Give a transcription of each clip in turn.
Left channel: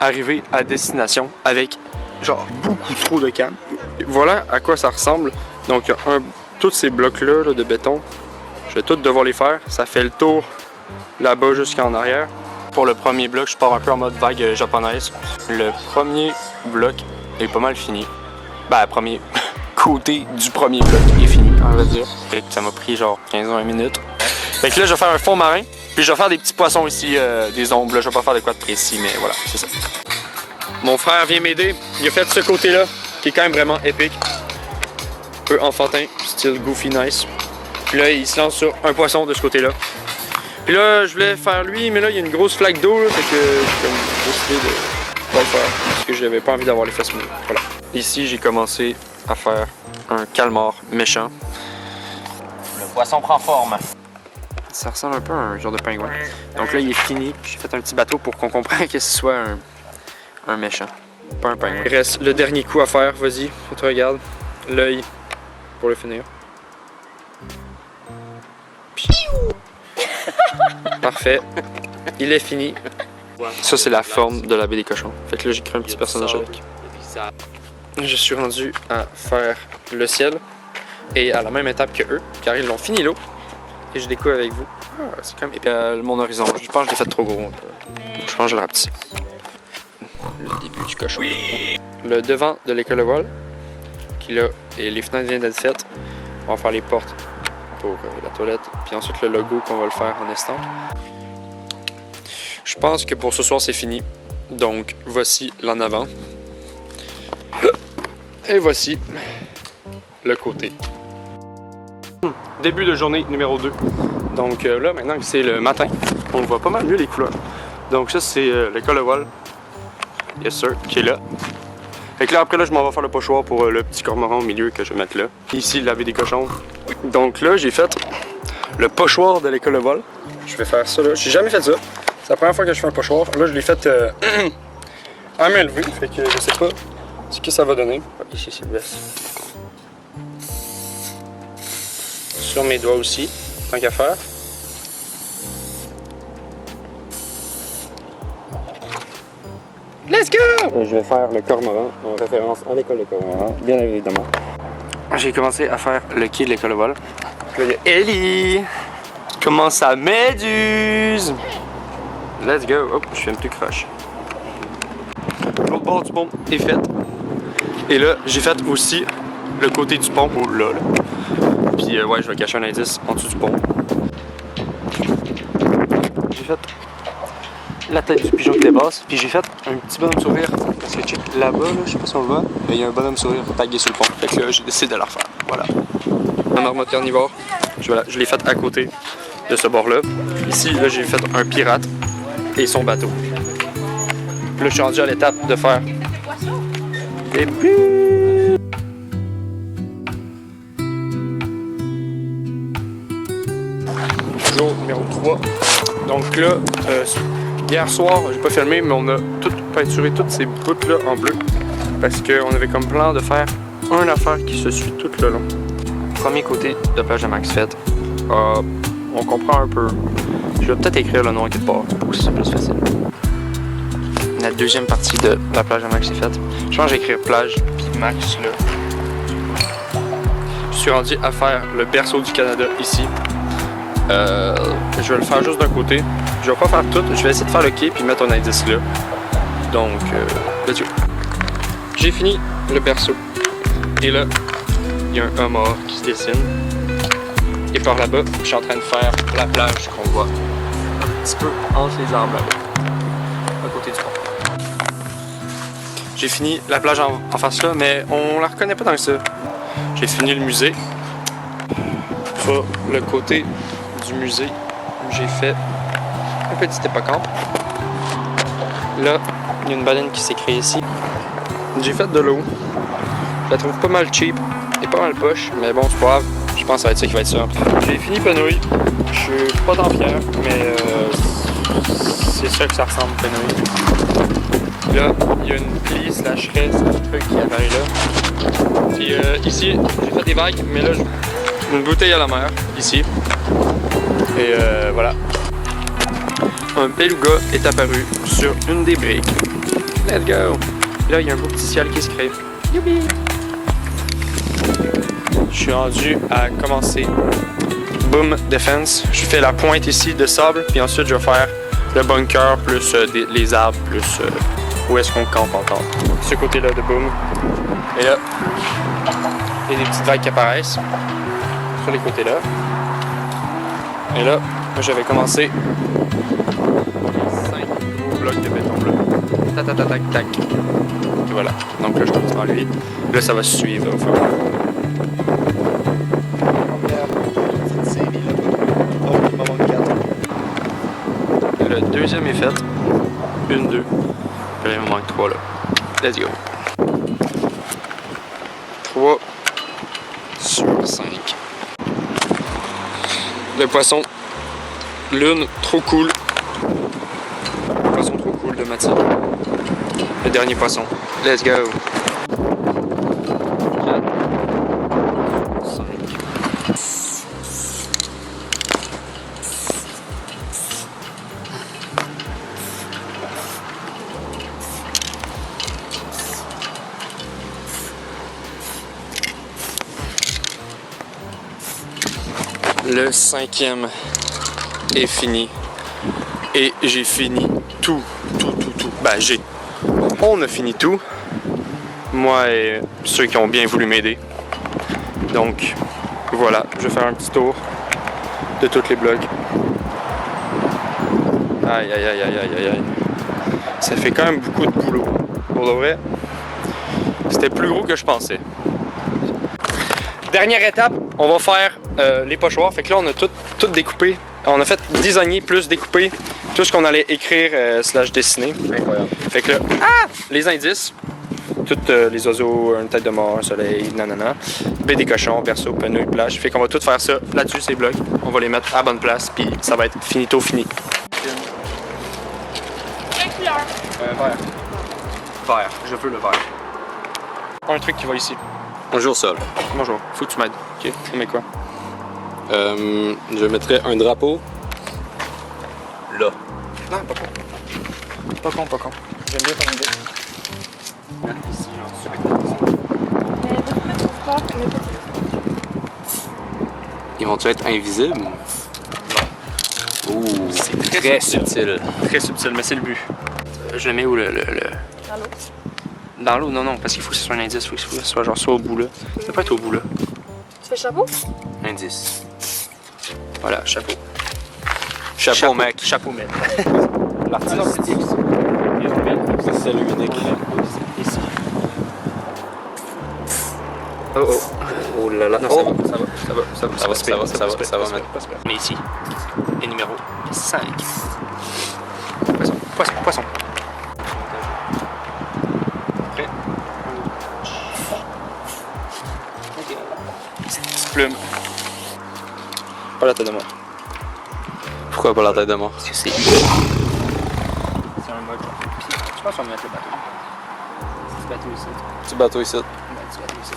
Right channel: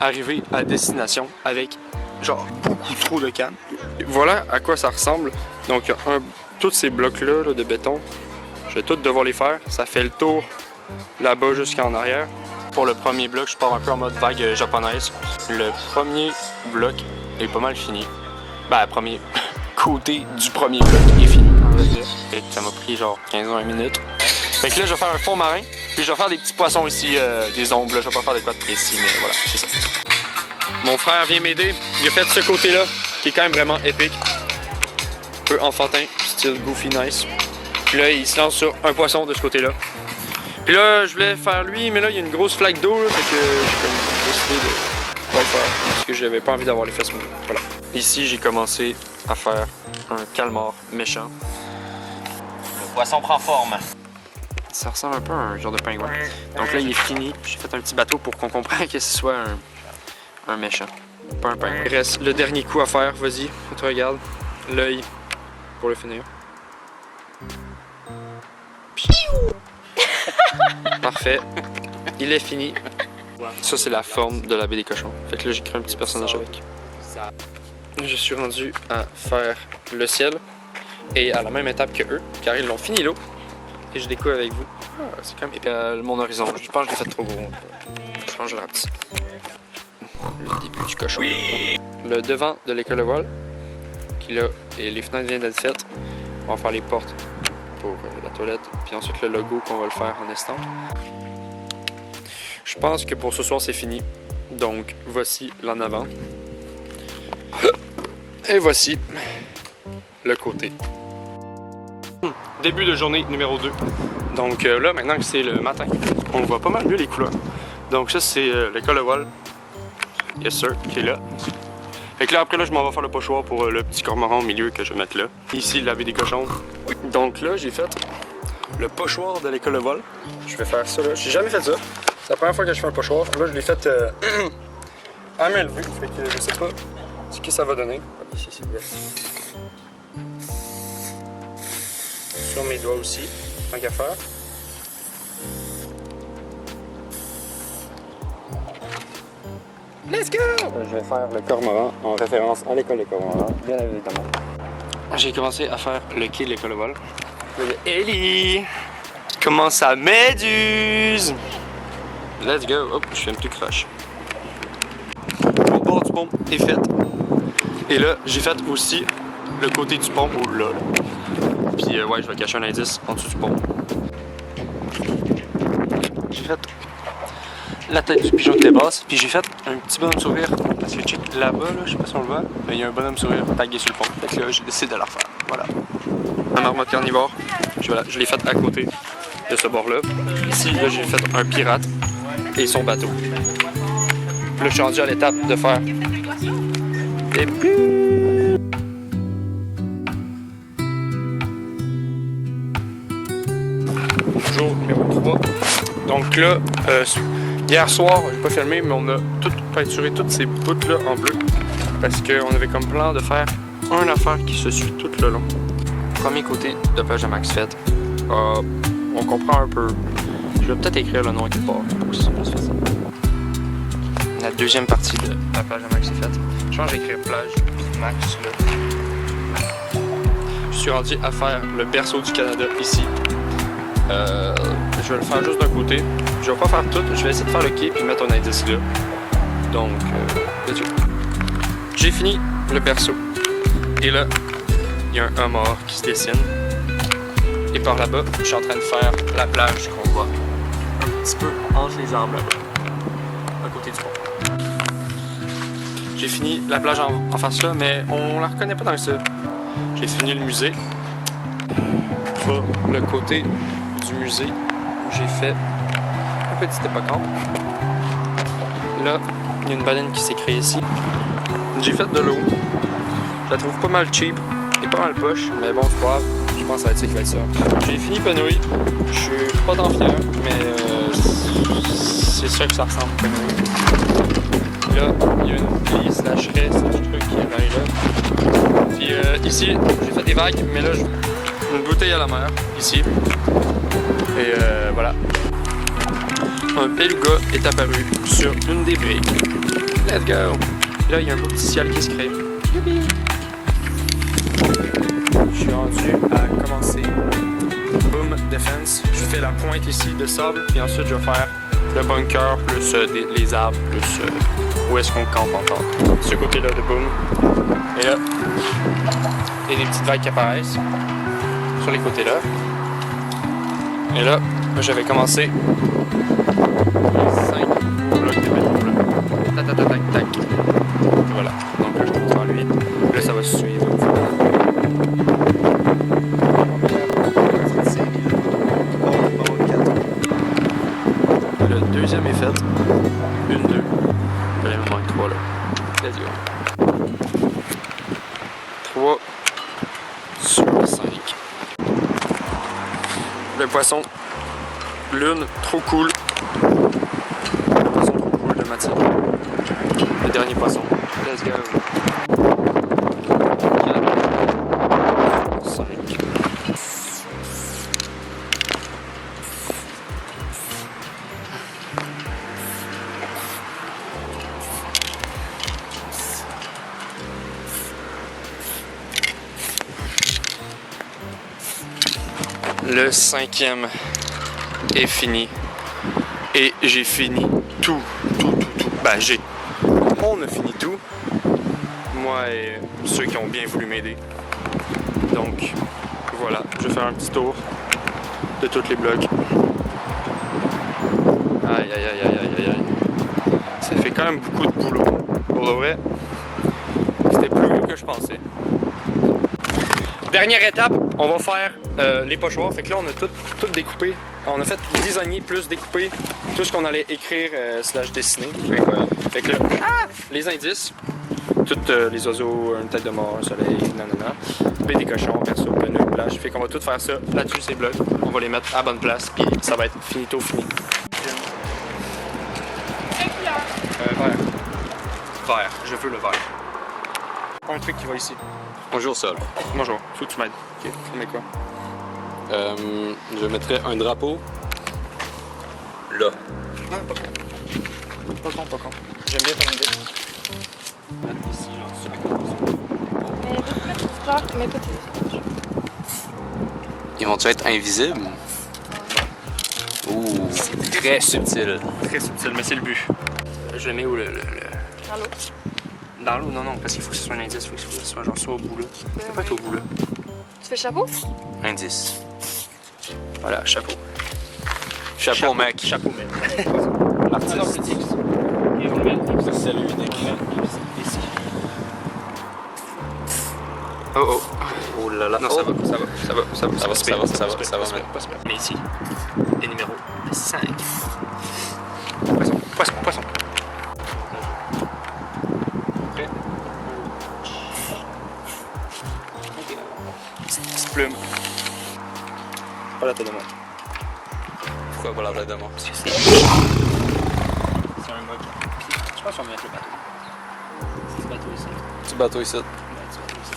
arrivé à destination avec genre beaucoup trop de cannes. Voilà à quoi ça ressemble. Donc tous ces blocs-là de béton, je vais tous devoir les faire. Ça fait le tour là-bas jusqu'en arrière. Pour le premier bloc, je pars un peu en mode vague japonaise. Le premier bloc est pas mal fini. Ben, le premier côté du premier bloc est fini, on va dire. Et ça m'a pris genre 15-20 minutes. Fait que là, je vais faire un fond marin. Puis je vais faire des petits poissons ici, des ombres. Là. Je vais pas faire de quoi de précis, mais voilà, c'est ça. Mon frère vient m'aider. Il a fait ce côté-là, qui est quand même vraiment épique. Un peu enfantin, style goofy nice. Puis là, il se lance sur un poisson de ce côté-là. Puis là, je voulais faire lui, mais là, il y a une grosse flaque d'eau, là, fait que j'ai comme décidé de pas le faire, parce que j'avais pas envie d'avoir les fesses mouillées. Voilà. Ici, j'ai commencé à faire un calmar méchant. Le poisson prend forme. Ça ressemble un peu à un genre de pingouin. Donc là, il est fini. J'ai fait un petit bateau pour qu'on comprenne que ce soit un méchant, pas un pingouin. Il reste le dernier coup à faire, vas-y, tu regardes. L'œil pour le finir. Parfait. Il est fini. Ça, c'est la forme de la baie des cochons. Fait que là, j'ai créé un petit personnage avec. Je suis rendu à faire le ciel et à la même étape que eux, car ils l'ont fini l'eau. Et je découvre avec vous. Ah, c'est quand même épais. Mon horizon, je pense que je l'ai fait trop gros. Je change le petit. Le début du cochon. Le devant de l'école de vol, qui là, et les fenêtres viennent d'être faites. On va faire les portes pour la toilette, puis ensuite le logo qu'on va le faire en estampe. Je pense que pour ce soir c'est fini, donc voici l'en avant. Et voici le côté. Début de journée numéro 2. Donc là, maintenant que c'est le matin, on voit pas mal mieux les couleurs. Donc ça c'est l'école de vol, yes sir, qui est là. Fait que là, après là, je m'en vais faire le pochoir pour le petit cormoran au milieu que je vais mettre là. Ici, laver des cochons. Donc là, j'ai fait le pochoir de l'école de vol. Je vais faire ça là. J'ai jamais fait ça. C'est la première fois que je fais un pochoir. Là, je l'ai fait à main levée. Fait que je sais pas ce que ça va donner. Ici, c'est bien. Sur mes doigts aussi, tant qu'à faire. Let's go! Je vais faire le cormoran en référence à l'école de cormoran, bien évidemment. J'ai commencé à faire le quai de l'école de vol. Là, il y a Ellie! Comment ça méduse? Let's go! Hop, je fais un petit crush. L'autre bord du pont est fait. Et là, j'ai fait aussi le côté du pont, là. Puis ouais, je vais cacher un indice en dessous du pont. J'ai fait la tête du pigeon qui était basse, puis j'ai fait un petit bonhomme sourire, parce que check là-bas, là, je sais pas si on le voit, mais il y a un bonhomme sourire tagué sur le pont, fait que là j'ai décidé de la refaire, voilà. Un marmotte carnivore, je l'ai fait à côté de ce bord-là. Ici, là j'ai fait un pirate et son bateau. Là je suis rendu à l'étape de faire des bulles. Jour numéro 3. Donc là, hier soir, j'ai pas filmé, mais on a tout peinturé toutes ces bouts-là en bleu. Parce qu'on avait comme plan de faire une affaire qui se suit tout le long. Premier côté de plage de Max fait. On comprend un peu. Je vais peut-être écrire le nom quelque part pour que ce soit plus facile. La deuxième partie de la plage de Max est faite. Je pense que je vais écrire plage Max là. Je suis rendu à faire le berceau du Canada ici. Je vais le faire juste d'un côté. Je vais pas faire tout. Je vais essayer de faire le quai puis mettre un indice là. Donc, let's go. J'ai fini le berceau. Et là, il y a un homard qui se dessine. Et par là-bas, je suis en train de faire la plage qu'on voit un petit peu entre les arbres là-bas, à côté du pont. J'ai fini la plage en face là, mais on la reconnaît pas tant que ça. J'ai fini le musée. Sur le côté du musée, j'ai fait un petit hippocampe. Là, il y a une baleine qui s'est créée ici. J'ai fait de l'eau. Je la trouve pas mal cheap et pas mal poche, mais bon, c'est pas grave. Je pense que ça va être ça qui va être ça. J'ai fini Penouille. Je suis pas tant fier, mais c'est ça que ça ressemble, Penouille. Là, il y a une plie slash raie slash truc qui apparaît là. Puis ici, j'ai fait des vagues, mais là, une bouteille à la mer, ici. Et voilà. Un beluga est apparu sur une des briques. Let's go! Puis là, il y a un beau petit ciel qui se crée. Youpi! Je suis rendu à commencer. Boom, defense. Je fais la pointe ici de sable, puis ensuite je vais faire le bunker, plus les arbres, plus où est-ce qu'on campe en temps. Ce côté-là de boom. Et là, il y a des petites vagues qui apparaissent sur les côtés là. Et là, je vais commencer les 5 gros blocs de béton bleu. Tac, tac, tac, tac, tac. Et voilà. Donc là, je commence par lui. Là, ça va suivre au fur et à mesure. Première petite série là-bas. Donc, il m'en manque 4. Le deuxième est fait. 1, 2. Puis là, il me manque 3 là. Let's go. 3 sur 5. Le poisson. Lune, trop cool. Le poisson trop cool de Mathilde. Le dernier poisson. Let's go. 4, 5. Le 5e est fini. Et j'ai fini tout. Ben, on a fini tout. Moi et ceux qui ont bien voulu m'aider. Donc, voilà. Je vais faire un petit tour de tous les blocs. Aïe, aïe, aïe, aïe, aïe, aïe. Ça fait quand même beaucoup de boulot. Pour de vrai, c'était plus gros que je pensais. Dernière étape, on va faire les pochoirs. Fait que là, on a tout découpé. On a fait designer plus découper tout ce qu'on allait écrire slash dessiner. Incroyable. Fait que là, les indices, toutes les oiseaux, une tête de mort, un soleil, nanana, baie des cochons, berceau, penouille, plage. Fait qu'on va tout faire ça là-dessus, ces blocs. On va les mettre à bonne place, puis ça va être finito fini. Quelle couleur? Vert. Vert. Je veux le vert. Un truc qui va ici. Bonjour Sol. Bonjour. Faut que tu m'aides. Ok. On met quoi? Je mettrais un drapeau là. Non, pas con. Pas con. J'aime bien ton idée. Ici, genre, sur la côte. Mais veux-tu mettre ton sport? Mais pas plus. Ils vont-tu être invisibles? Ouh, C'est très subtil. Très subtil, mais c'est le but. Je le mets où le... Dans l'eau. Dans l'eau, non, parce qu'il faut que ce soit un indice, il faut que ce soit genre soit au bout là. Ça peut pas être au bout là. Tu fais chapeau? Indice. Voilà, chapeau. Chapeau, mec. Chapeau, mec. L'artiste. Ah non, c'est X. Et on le met X. C'est celui unique. On le met ici. Oh. Oh là là. Non, ça va mettre. On est ici. Le numéro 5. Poisson. Prêt? Petite plume. Pas la tête de moi. Pourquoi pas la tête de mort? Parce que c'est un mug. Puis, je pense qu'on va mettre le bateau. C'est ce bateau ici. Petit bateau ici. Ouais, petit bateau ici.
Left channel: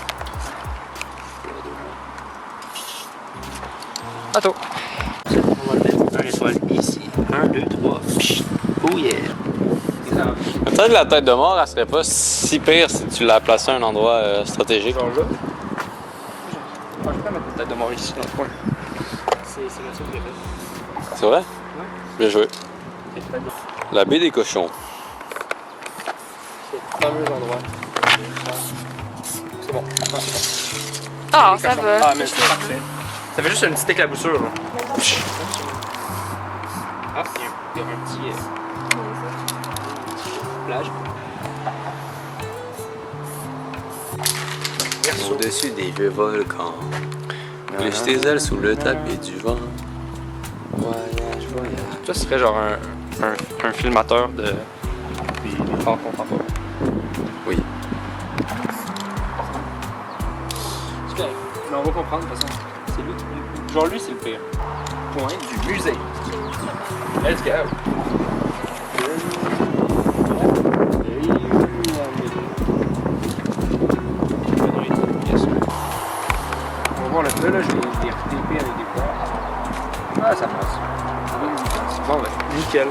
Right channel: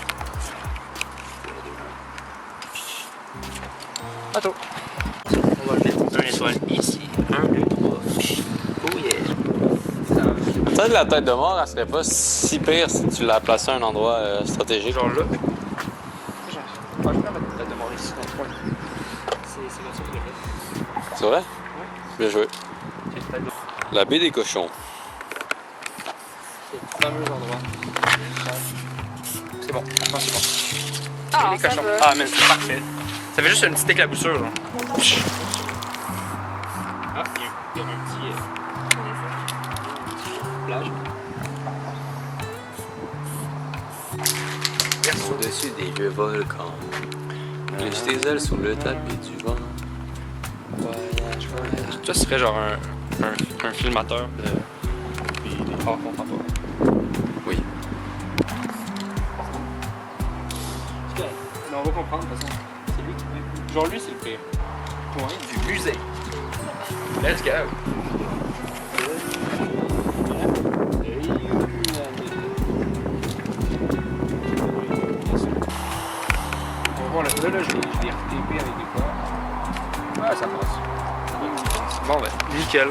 C'est les deux là. Bateau. On va le mettre un étoile ici. 1, 2, 3. Oh yeah. Peut-être la tête de mort, elle serait pas si pire si tu la plaçais à un endroit stratégique. Genre là. Je vais mettre la tête de mort ici dans le coin. C'est la seule que j'ai faite. C'est vrai? Ouais. Bien joué. C'est peut-être La baie des cochons. ce fameux endroit. C'est bon. Non, c'est bon. Ah, Les ça cochons. va. Ah, mais c'est parfait. Ça fait juste une petite éclaboussure, là. Ah, il y a un petit plage. Au-dessus des vieux volcans. Glisse tes ailes sous le tapis du vent. Voyage. Toi, ce serait genre un filmateur des arts contemporains. Oui. C'est correct. Mais on va comprendre de toute façon. C'est lui qui... Genre lui, c'est le pire. Point du musée. Let's go! On va voir là, je l'ai retapé avec des poires. Ah, ça passe. Bon, ben, nickel.